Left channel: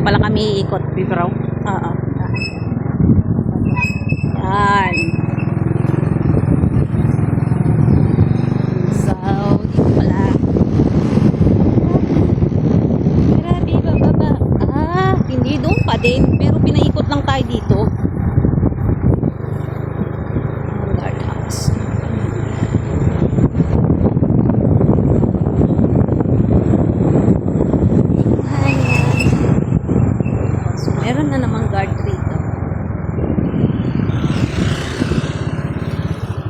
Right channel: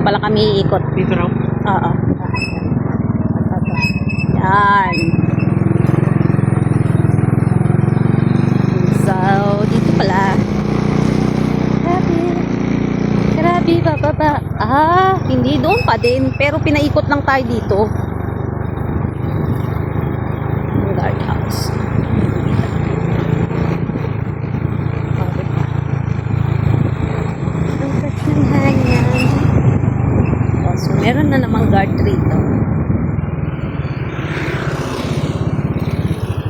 pala kami iikot. Dito raw? Oo. Yan. So, dito pala. Grabe. Grabe, bababa. Ah, hindi doon pa din. Pero pinaikot lang tayo dito. Ang guardhouse. Ang hangyan. Oh, so meron na namang guard rito.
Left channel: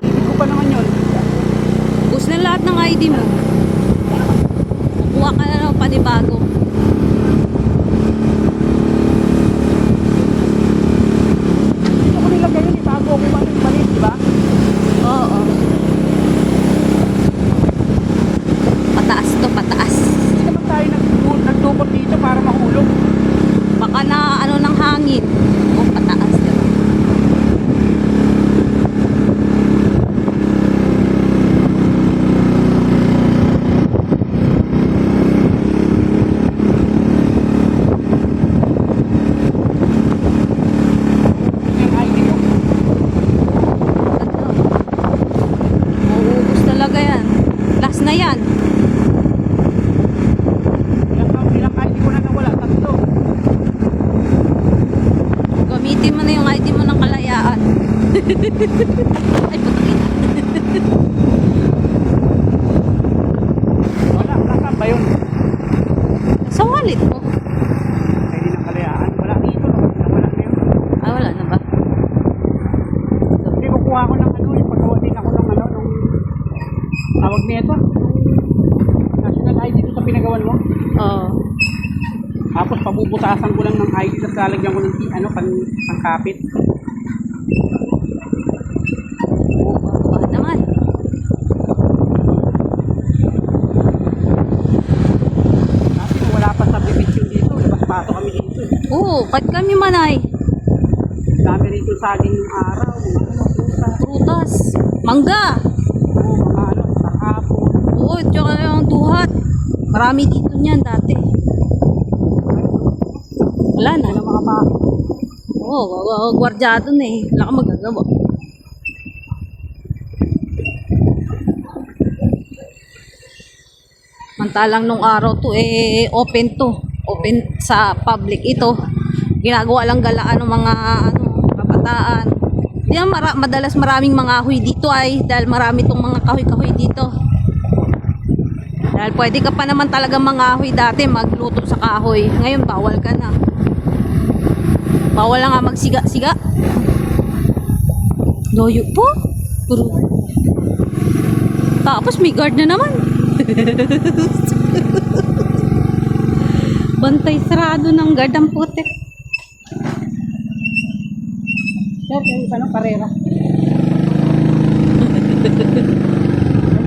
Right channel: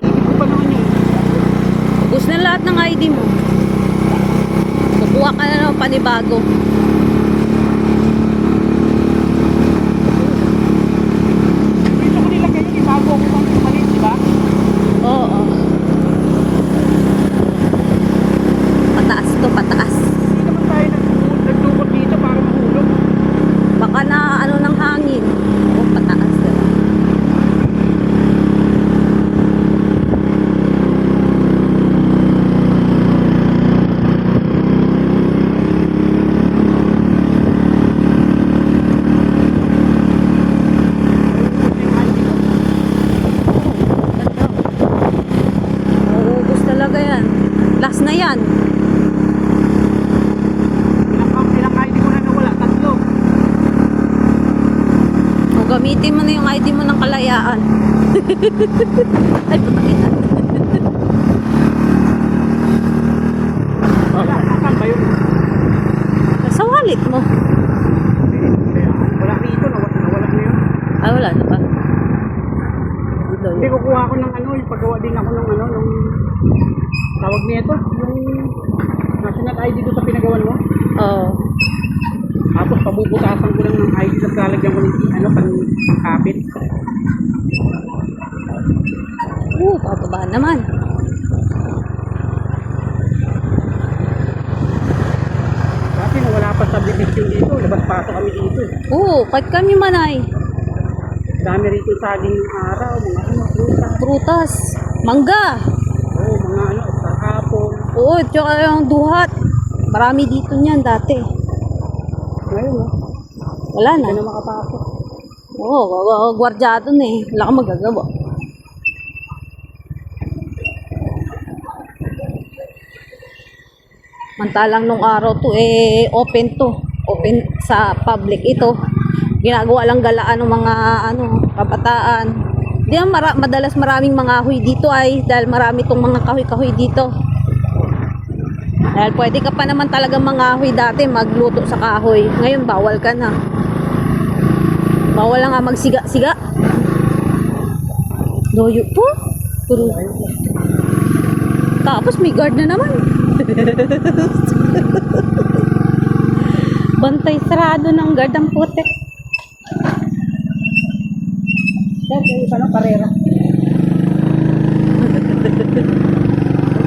Ano pa naman yun? Ubus na lahat ng ID mo. Kukuha ka na ng panibago. Dito ko nilagay yun, ibago ako ba yung maliit, di ba? Oo. Pataas to, pataas. Hindi naman tayo nagdukot dito para mahulog. Baka na ano ng hangin. O, pataas na lang. Yung ID ko. Mauubos talaga yan. Last na yan. Ilang ID ko na nawala, 3. O, gamitin mo na yung ID mo ng kalayaan. Ay, putakin na. Wala, nasaan ba yun? Sa wallet mo. Ay, nakalayaan. Wala dito, nawala na yun. Ay, wala na ba? Hindi, kukuha ko ng ano, ipagawa din ako ng ano, yung tawag niya ito, yung national ID ko sa pinagawan mo. Oo. Tapos pabubutasan ko lang ng ID at lalagyan ko ng ano, pangkapit. Bababa naman. Kasi wala pa subdivision dito, labas-pato kami dito eh. Oo, kahit kami manay. Dami rito saging yung araw, mga ano, prutas. Prutas. Mangga. Oo, mga ano, kahapon. Oo, tsaka yung duhat. Marami dito niyan dati. Ngayon, Wala na. ano mga baka. Oo, gwardyado na eh. Wala kang magagawa. Mantalang nung araw to open to. Open sa public ito. Ginagawa lang galaan ng mga kabataan. Di madalas maraming mga kahoy dito dahil marami tong mga kahoy-kahoy dito. Dahil pwede ka pa naman talaga mga kahoy dati magluto sa kahoy. Ngayon bawal ka na. Bawal na nga magsiga-siga. Doyo po. Puro. Tapos may guard na naman. Bantay sarado ng guard ang putek. Yan, yung ano, karera.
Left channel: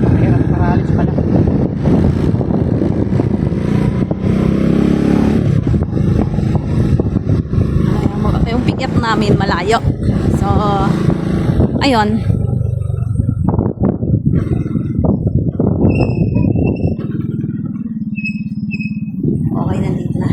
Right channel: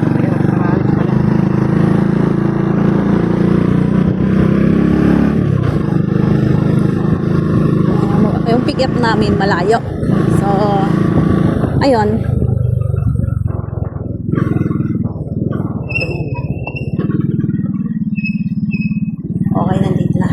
Karera, karalis pa na. Yung pick up namin malayo. So, ayun. Okay, nandito na.